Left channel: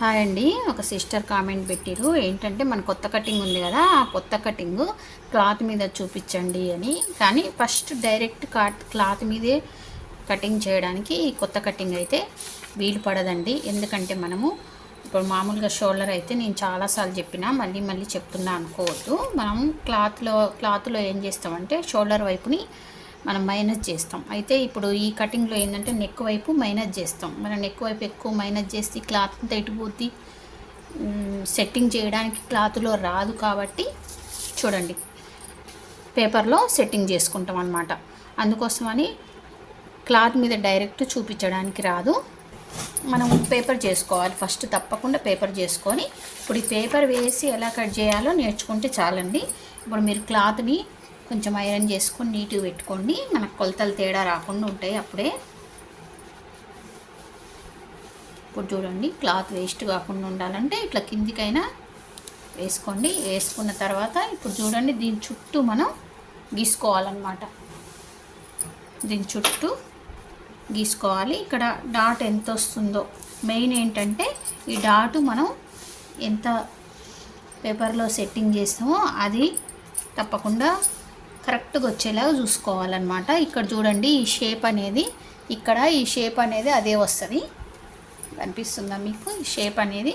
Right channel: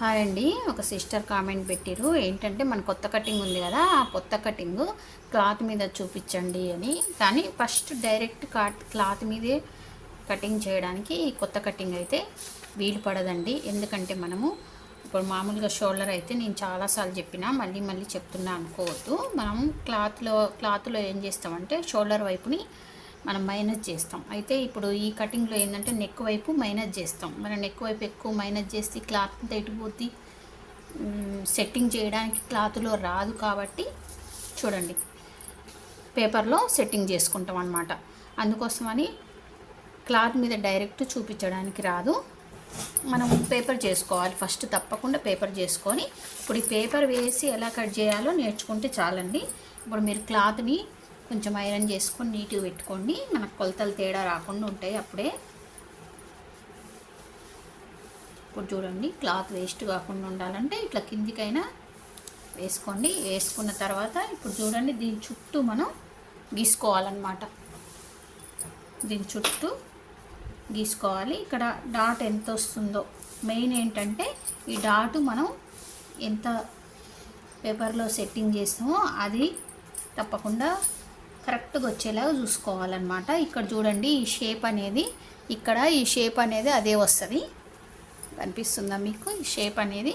Hi అండి ఒక sister comment పెట్టిరు. ఏంటంటే మన కొత్త కటింగ్ ఉంది కదా ఆ కొత్త కటింగ్ క్లాత్ మీద చూపించండి అని. కానీ ఫస్ట్ డైరెక్ట్ కాట్ క్లాత్ మీదే కటింగ్ చేయడానికి ఈ కొత్త కటింగ్ అయితే వీలు పడదండి. ఎందుకంటే మనము ఇప్పుడు మామూలుగా షోల్డర్ అయితే నేను చాలాసార్లు చెప్పినా మళ్ళీ మళ్ళీ చెప్తున్నా అనుకోవద్దు. మనం క్లాత్లో క్లాత్లో ఏం చేస్తామంటే షోల్డర్ వైపుని మనం మైనస్ చేస్తాం. అయితే ఇప్పుడు ఈ కటింగ్లో ఏంటంటే నెక్ వైపు మైనస్ చేస్తాం. మనం నెక్ వైపు ఎక్కువ మైనస్ చేస్తే క్లాత్ అంతా సెట్టింగ్ చేయడానికి క్లాత్లో రాదు కాబట్టి చూడండి. పేపర్లో సెట్టింగ్ చేసుకుంటాం అనమాట అందుకోసమని క్లాత్ మీద డైరెక్ట్ చూపించడానికి రాదు. మనం పేపర్ చేసుకోవాలి. ఫస్ట్ తప్పకుండా పేపర్ చేసుకొని ఇప్పుడు ఈ పేపర్ వేసి ఎలా కట్ చేయాలో నేర్చుకుంటే చాలండి. ఇప్పుడు మీరు క్లాత్ని కొంచెం ఐరన్ చేసుకొని నీట్గా పెట్టుకోండి. మనకు కొలతలు తేడా రాకుండా ఉంటాయి అప్పుడే. ఇప్పుడు చూడండి క్లాత్ వేస్ట్ కాకుండా ఉండాలంటే ఇట్లా కిందికైనా వేసుకోండి. వేసుకున్న తర్వాత ఇప్పుడు చూడండి దీని చుట్టూ మనం గీసుకోవాలన్నమాట. దీని చుట్టూ గీసుకోవాలి. ఇక్కడ డాట్ ఎంత వస్తుందో. మెయిన్ ఏంటంటే ఈ డాట్ మనం ఎంత పేపర్లో సెట్టింగ్ చేస్తామో అది తప్పకుండా కరెక్ట్గా వచ్చేలాగా చూసుకోవాలన్నమాట. ఇక్కడ చూడండి ఈ షేప్ అనేది ఇక్కడ ఈ షేప్ అనేది అదే వస్తుంది. కనిపిస్తుందా మీకు? ఈ షేప్ అనేది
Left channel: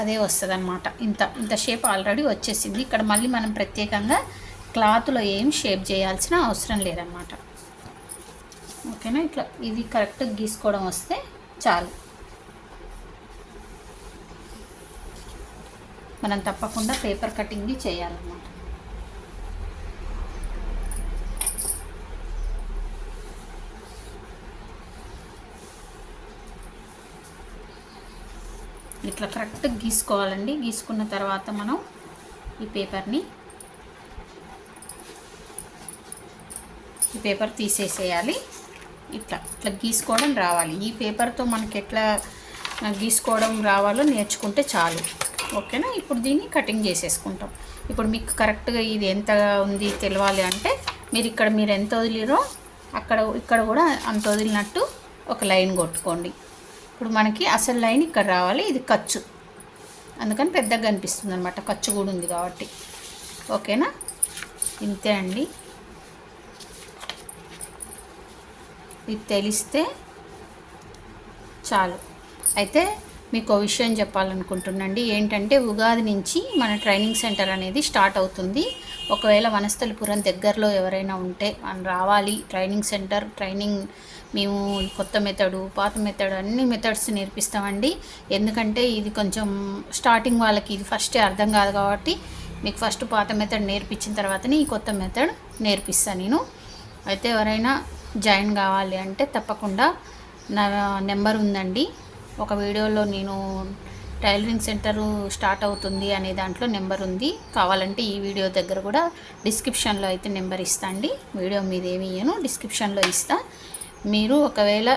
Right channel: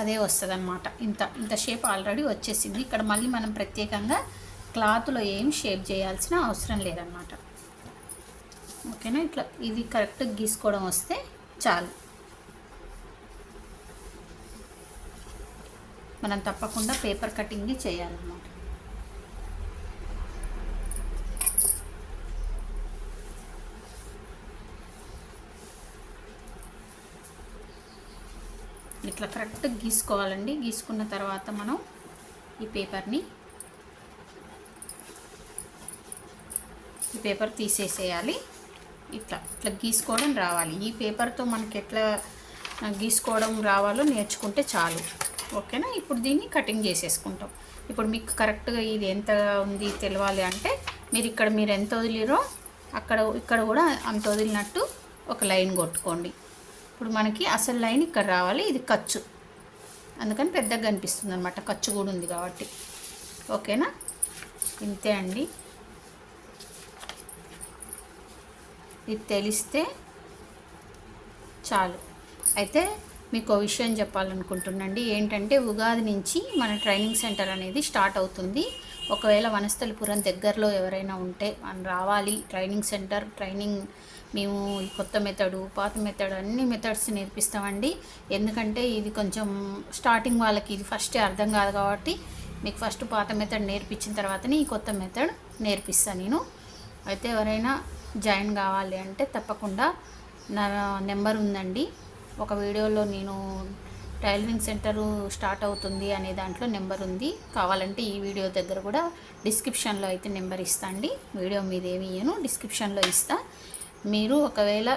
అదే వస్తుంది అనమాట ఇంత ఇంత షేప్ ఆల్రెడీ వచ్చేసింది. ఇక్కడ మళ్ళీ మనం ప్రత్యేకంగా క్లాత్లో ఏం షేప్ చేయాల్సిన అవసరం లేదన్నమాట. ఓకేనా? ఇట్లా ఇది కరెక్ట్గా గీసుకోవడం వస్తే చాలు. మనం తప్పకుండా పేపర్ కటింగ్ చేయాలన్నమాట. ఇట్లా కరెక్ట్గా గీసుకోవాలండి. గీసుకున్న తర్వాత మనం ఈ పేపర్ని ఈ పేపర్ తీసేసేయాలి. ఇట్లా ఇట్లా గీసుకోవడం రావాలి. ఈ పేపర్తో మనకి ఎట్లా గీసుకోవడం రావాలో నేర్చుకుంటే చాలు. ఓకేనా? ఇప్పుడు దీన్ని కటింగ్ చేసేసుకుంటాం. ఇప్పుడు మీకు కరెక్ట్గా ఇది ఎంత ఉంది తెలియాలి అంటే మీరు ఇక్కడ మీరు ఎంత వదిలిరో అక్కడ ఇక్కడ కూడా అంత వదిలినట్టు ఒక లైన్ కొట్టుకోండి. ఇప్పుడు మనకి అసలు లైన్ ఇక్కడ రావాలి ఇది ఖర్చు అందుకని పెద్దగా కనిపిస్తుంది అనమాట ఖర్చు కూడా ఉంది కాబట్టి. ఓకేనా? ఇంతే అండి. ఇది తెలిస్తే చాలు. అయితే మీకు విషయం చెప్పాలనుకుంటున్నాండి. ఏంటంటే ఉగాది నుంచి మన ట్రైనింగ్ సెంటర్ అనేది స్టార్ట్ అవుతుంది. ఒకవేళ వనస్థలిపురం దగ్గరలో ఎవరైనా ఉంటే మనం రావాలి. ట్రైనింగ్ సెంటర్ ట్రైనింగ్ మేము కొత్త మెథడు పాత మెథడ్ అన్ని మెథడ్స్ నేర్పిస్తామండి. ఎందుకంటే ఇది కొంచెం స్టార్టింగ్ వాళ్ళకి ఇది ఫస్ట్ అర్థం కాదు కాబట్టి మీకు ఫస్ట్ పాత మెథడ్ నేర్పించిన తర్వాతనే ఈ కొత్త మెథడ్ నేర్పిస్తాను నేను. అయితే ఎవరైనా జాయిన్ కావాలి అంటే తప్పకుండా నా నెంబర్ ఉందండి. ఒక వీడియోలో నేను టైలరింగ్ సెంటరు స్టార్ట్ అవుతుంది అనే దాంట్లో నెంబర్ ఉంది. కావాలంటే ఈ వీడియో దగ్గర కూడా డిస్క్రిప్షన్లో అయితే నెంబర్ ఇస్తా అండి. వీడియో మీద ఏమి ఇయ్యను డిస్క్రిప్షన్లో ఇస్తా. మీరు ఒకవేళ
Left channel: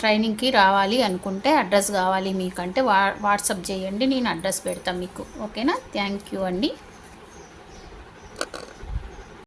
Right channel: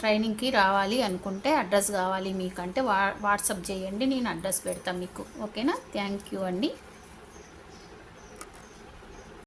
ట్రైనింగ్కి రావాలి అనుకుంటే అడ్రస్ కావాలి మీకంటే వా వాట్సాప్ చేయండి నేను అడ్రస్ పెడతాను మీకు. ఓకేనా? థ్యాంక్ యూ అండి.